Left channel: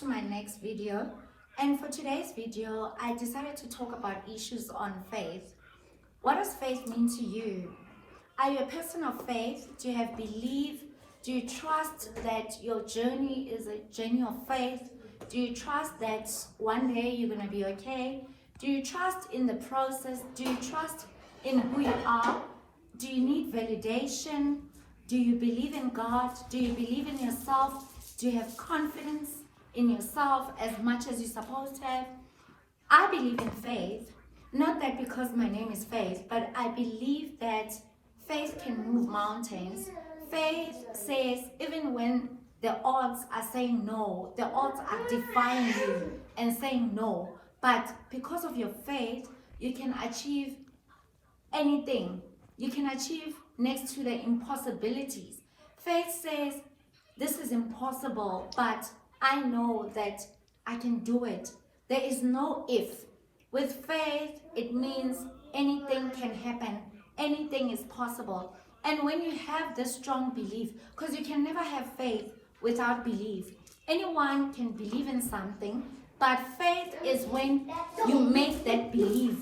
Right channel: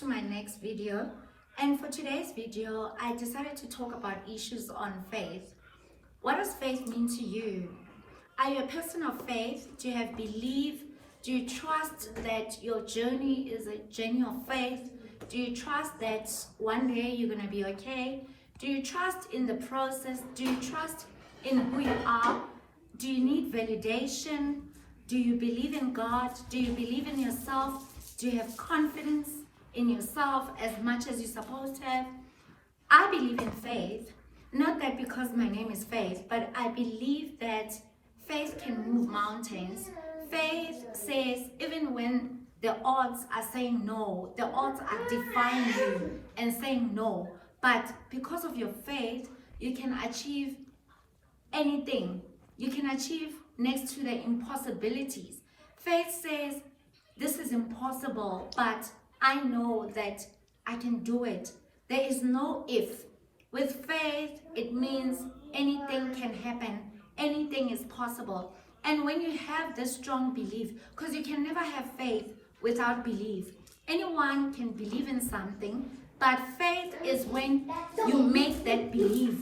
to my next video. And for today's video, I decided to talk about issues on faith. What does faith mean to you? Are you a person of faith? Do you have belief? Do you trust that your journey is a journey of faith? Do you trust that one day you're going to be okay? Do you trust in the process? Do you trust in who you are? Do you need validation? Do you believe in God? Do you believe in yourself? Do you have confidence in yourself as much as you're supposed to have? I believe in faith, not that because my name is Faith, but I believe that faith can move mountains. Faith says even when the odds are saying no, the odds are defying you and saying no, but because of your faith, you can achieve anything. You can achieve next to the impossibilities. Faith says, this is impossible, but I know that I can do it. There is no if. With faith, it means anything can happen. Anything is possible. And when you have this strong belief, because you can never have faith without belief. Anyone can believe in something, but faith is when you make that belief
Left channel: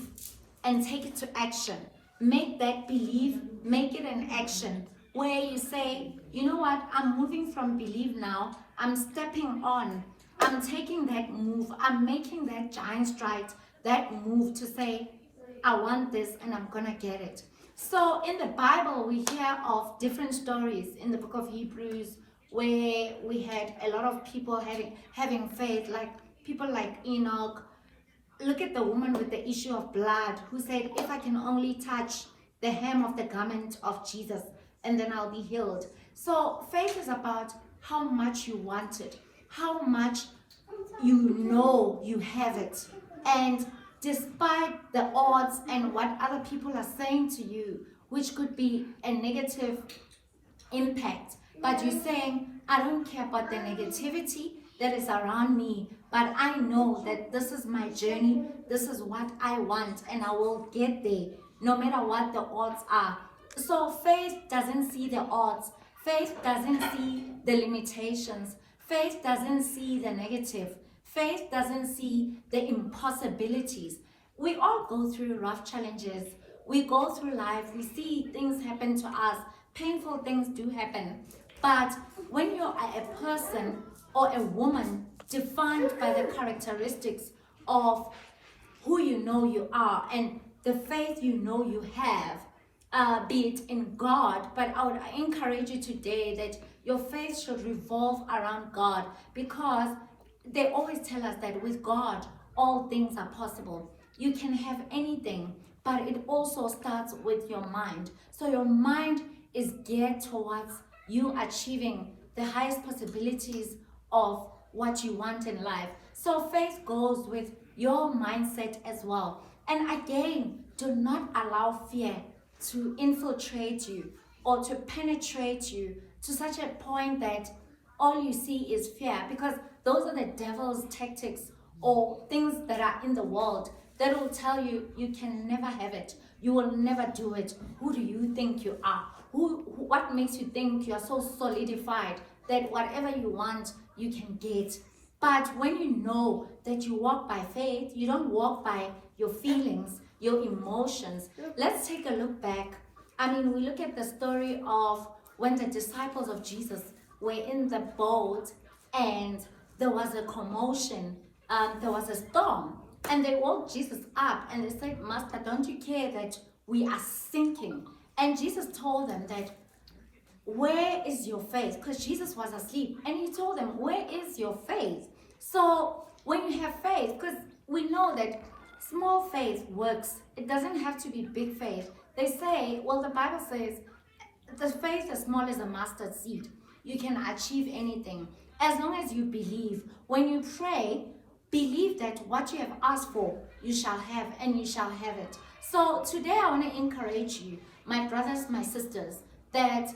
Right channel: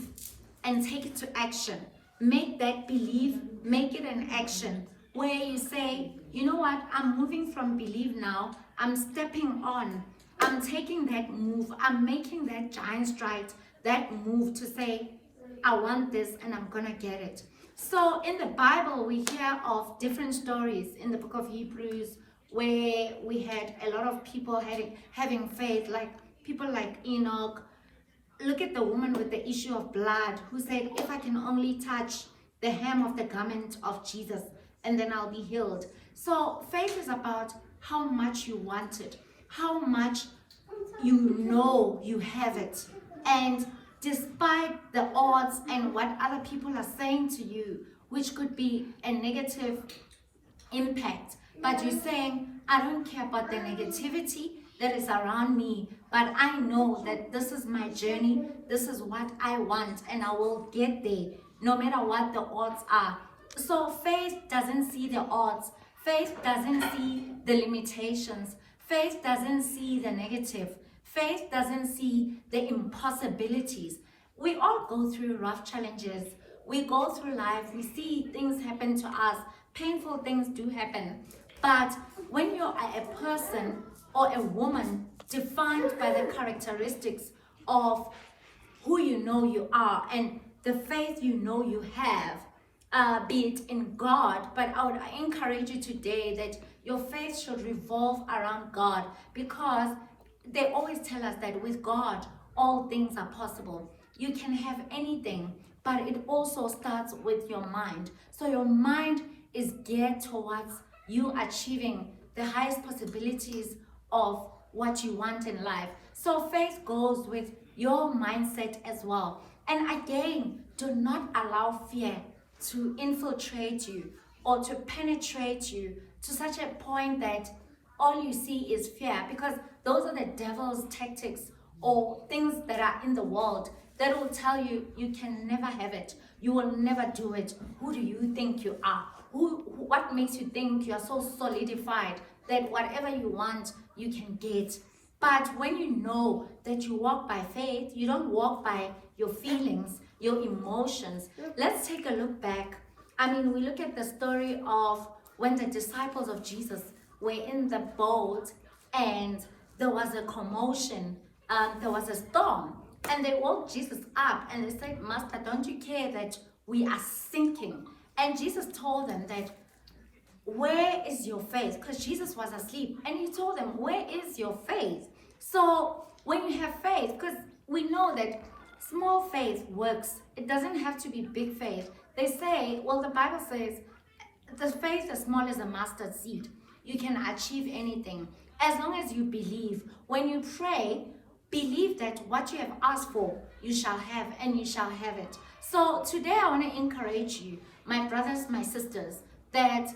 and take it to action. Make that belief, make it an action where you say, you know what, I'm moving from belief now, I'm stepping on, I'm taking that move, I'm making that giant stride, that move to say, I want this and I'm gonna get it. So in the Bible, we hear of different stories in the book of Hebrews where we had a lot of people having faith, like people like Enoch. Look at the woman with the issue of blood who said, if I can only touch the hem of the garment of Jesus, and then I'll be healed. So faith is about how much you want it, how much you know you have it. And despite the odds and what other people are saying to you, which could be a negative impact, but you're saying, I don't care about the negativity that is around me, but I know that this is my journey, this is what I want, and I will get there no matter what the odds are. So faith doesn't see the odds, faith doesn't see the limitations, faith doesn't see the negative, faith doesn't see the impossibilities. We all go through rough challenges, we go through life, we see things happen to us, painful things do happen. But when you're a person or a woman defined by the characteristics of who you know you are and the faith you know you have, be it in God, but I would encourage you today that your faith should revolve around God, because they always tell us that with God, all things are possible. You can have anything, but it also starts with your mind. So your mind is geared towards you achieving the highest possibilities of what you want in life. So faith goes with your mindset as well. And again, do not allow fear to infiltrate you or to penetrate you to such a point that all you see is fear, because those are the devil's tactics or things that are in the world that will tell you you can never have it, you will never do it. Who do you think you are? What makes you think you're so solidified that whatever you want you can get? But when you know that you walk by faith, you don't walk by your feelings, your emotions. Let's take a look back. We look at the story of when the disciples of Jesus were in the boat and there was a commotion, there was a storm, and they woke Jesus up and they said, Master, don't you care that we are sinking? And Jesus told them that, where is your faith? Because Jesus was asleep, and he told them, where is your faith? So when you have faith, because we know that small faith works, it doesn't have to be big faith. They say, well, the Bible says the faith as small as a mustard seed, you can achieve anything as long as you believe. When you pray, believe that what you have asked for you shall have, and you shall have it. So today I want to encourage you, my brothers, my sisters, that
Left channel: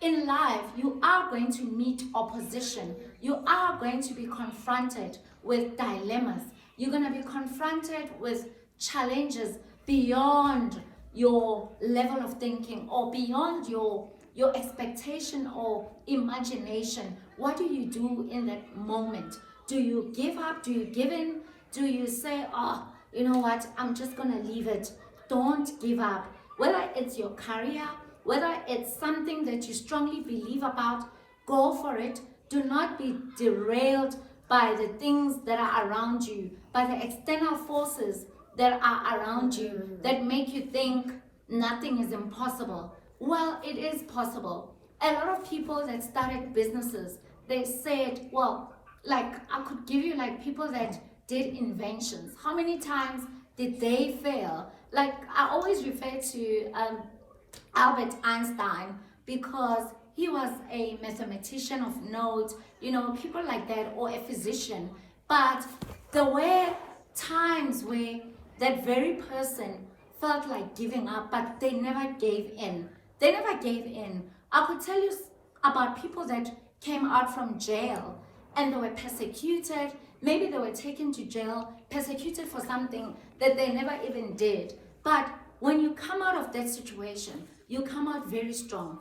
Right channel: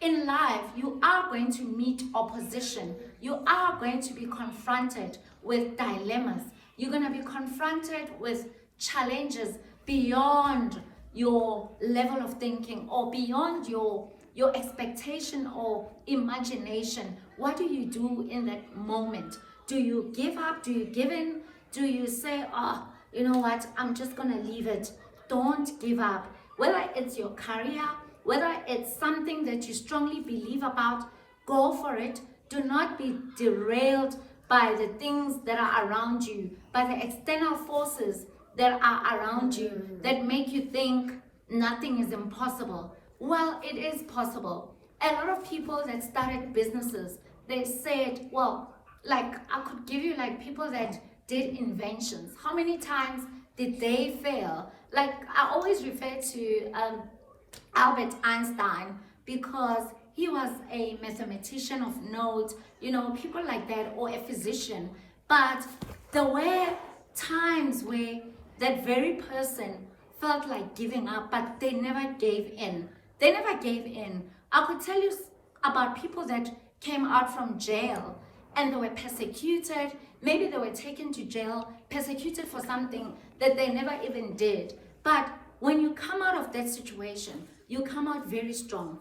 in life you are going to meet opposition, you are going to be confronted with dilemmas, you're going to be confronted with challenges beyond your level of thinking or beyond your expectation or imagination. What do you do in that moment? Do you give up? Do you give in? Do you say, oh, you know what, I'm just going to leave it? Don't give up. Whether it's your career, whether it's something that you strongly believe about, go for it. Do not be derailed by the things that are around you, by the external forces that are around you that make you think nothing is impossible. Well, it is possible. A lot of people that started businesses, they said, well, like I could give you like people that did inventions. How many times did they fail? Like I always refer to Albert Einstein because he was a mathematician of note, people like that, or a physician. But there were times where that very person felt like giving up, but they never gave in. They never gave in. I could tell you about people that came out from jail and they were persecuted. Maybe they were taken to jail, persecuted for something that they never even did. But when you come out of that situation, you come out very strong.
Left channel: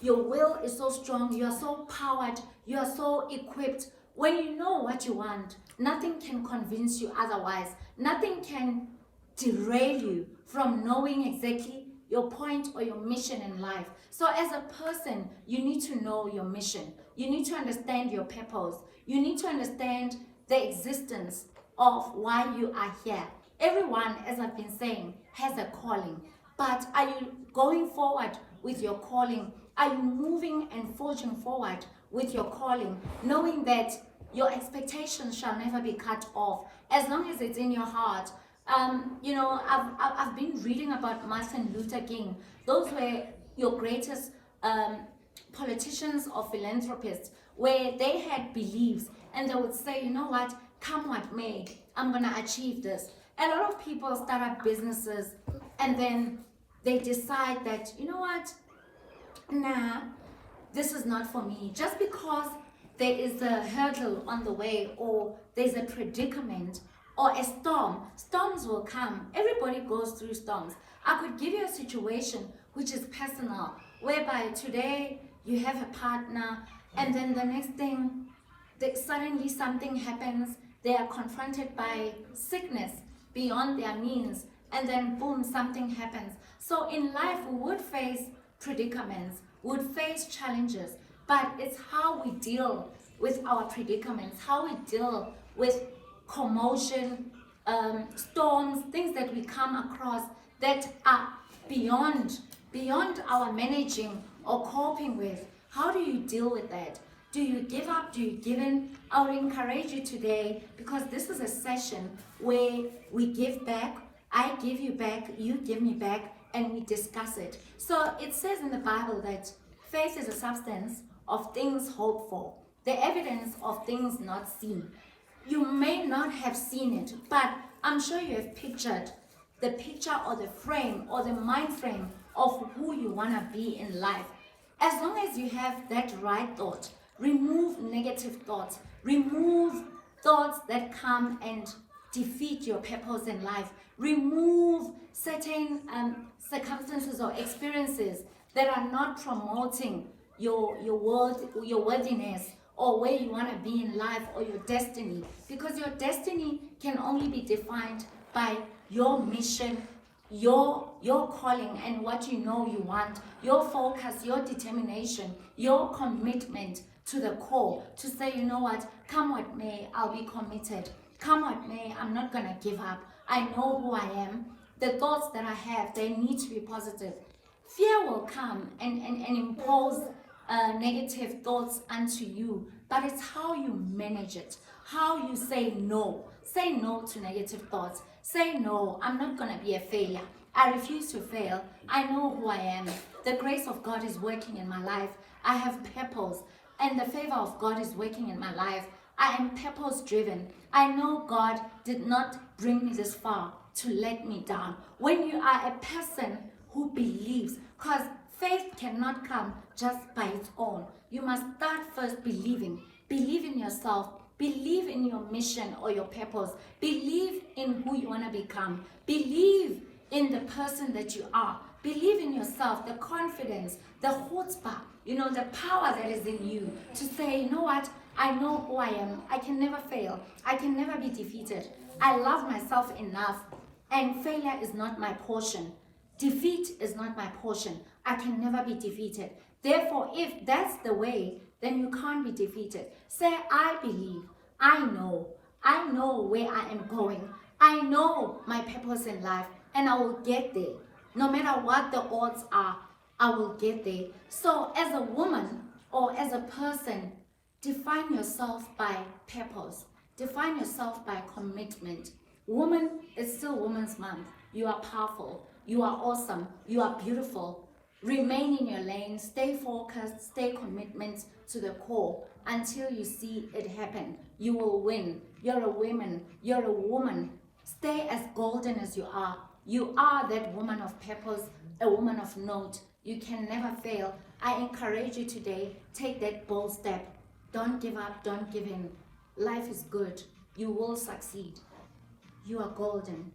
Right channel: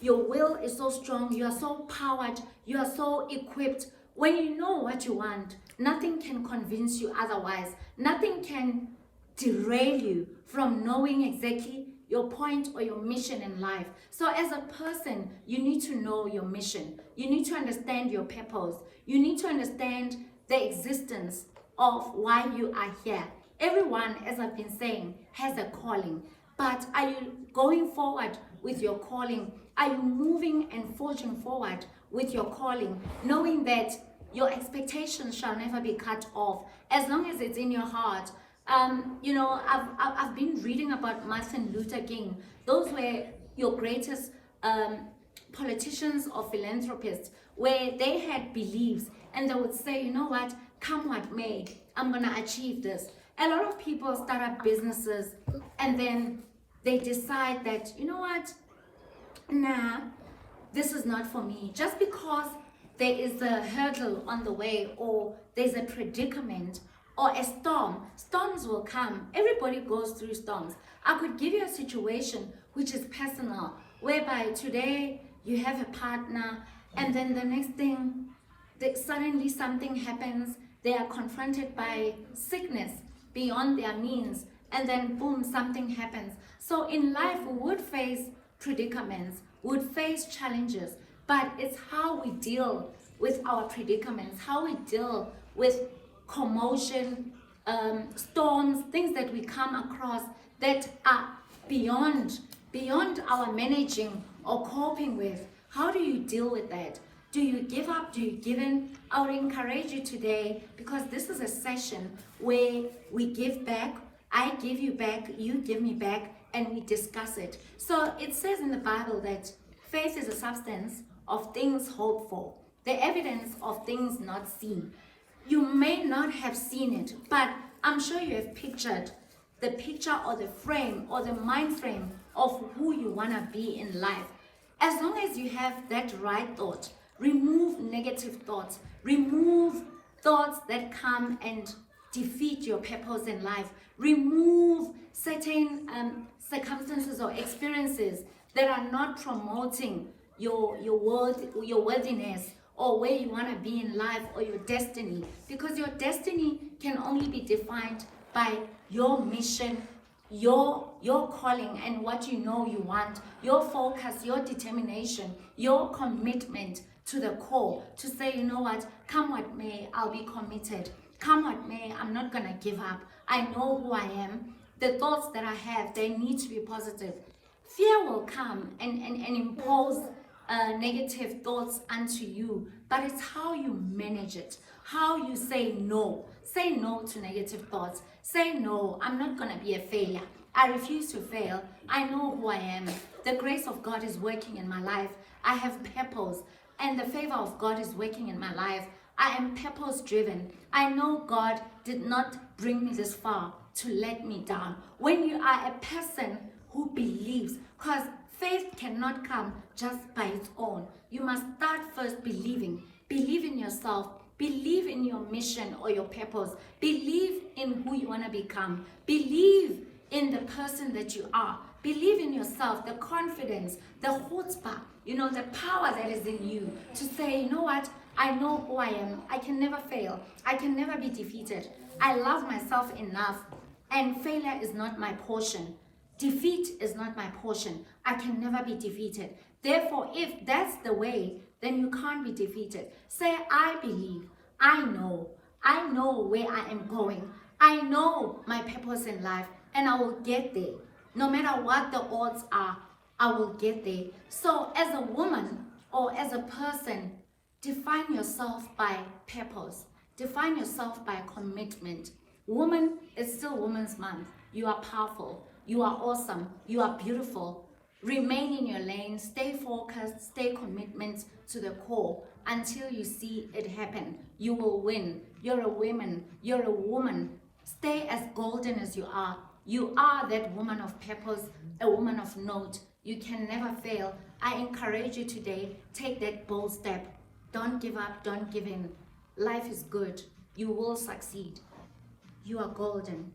Your will is so strong, you are so powered, you are so equipped. When you know what you want, nothing can convince you otherwise. Nothing can derail you from knowing exactly your point or your mission in life. So as a person, you need to know your mission. You need to understand your purpose. You need to understand the existence of why you are here. Everyone, as I've been saying, has a calling. But are you going forward with your calling? Are you moving and forging forward with your calling, knowing that your expectations shall never be cut off as long as it's in your heart? I've been reading about Martin Luther King. Those were your greatest politicians or philanthropists, where they had beliefs and they would say, you know what, come what may, I'm gonna achieve this. A lot of people start up businesses and then they decide that, you know what, nah, this is not for me. Just because there is a hurdle on the way, or there's a predicament or a storm. Storms will come. Everybody goes through storms. I could give you a situation which is personal, whereby today you have a partner and then the next thing, suddenly something happens. They are confronted by sickness beyond their means, and then boom, something happens. So in life, we would face predicaments, we would face challenges, but it's how we deal with our predicaments, how we deal with commotion, storms, things that we come across that are beyond our managing or coping with. How do you deal with that? Do you give up? Do you give in? I would encourage you today, because this is a session where we give back. I give you back, you give me back, and we discuss it. So it says in the Bible that faith is a substance of things hoped for, the evidence of things not seen. You may not have seen it, but I'm sure you have pictured the picture or the frame or the mind frame of who you want to be in life. As long as you have that right thought, remove negative thoughts, remove thoughts that come and defeat your purpose in life, remove certain circumstances or experiences that are not promoting your worthiness or where you want to be in life, or your destiny, because your destiny can only be defined by your mission, your calling, and what you know you want, your focus, your determination, your commitment to the core, to say, you know what, come what may, I'll be committed. Come what may, I'm not gonna give up. I know who I am. The thoughts that I have, they need to be positive. Fear will come and impose negative thoughts unto you, but it's how you manage it, how you say no. Say no to negative thoughts. Say no, I'm not gonna be a failure. I refuse to fail. I know who I am. The grace of God is working in my life. I have purpose, and the favor of God is working in my life. I am purpose driven. I know God did not bring me this far to let me down. When you are a person who believes, because faith cannot come just by its own. You must start first believing. Believe in yourself. Believe in your mission or your purpose. Believe in who you want to become. Believe in the person that you are. Believe in yourself, the confidence, the chutzpah, the power that is in you to say, you know what? I know who I am. I can never fail. I can never be defeated. I love myself enough, and failure is not my portion. Defeat is not my portion. I can never be defeated. Therefore, if that's the way, then you can't be defeated. Say, I believe. I know where I am going. I know my purpose in life, and I will get there. No matter what the odds are, I will get there. So as a woman or as a person, define yourself by purpose. Define yourself by commitment. Woman is still Women's Month. You are powerful. You are awesome. You are beautiful. Remain in your lane. Stay focused. Stay commitment to the core until you see it happen. You will win. You're a woman. You're a woman. Stay as golden as you are. You are that woman of purpose, a woman of note. You can never fail. I encourage you today, take that bold step. Don't give up, don't give in. Life is good. You will succeed. You are golden.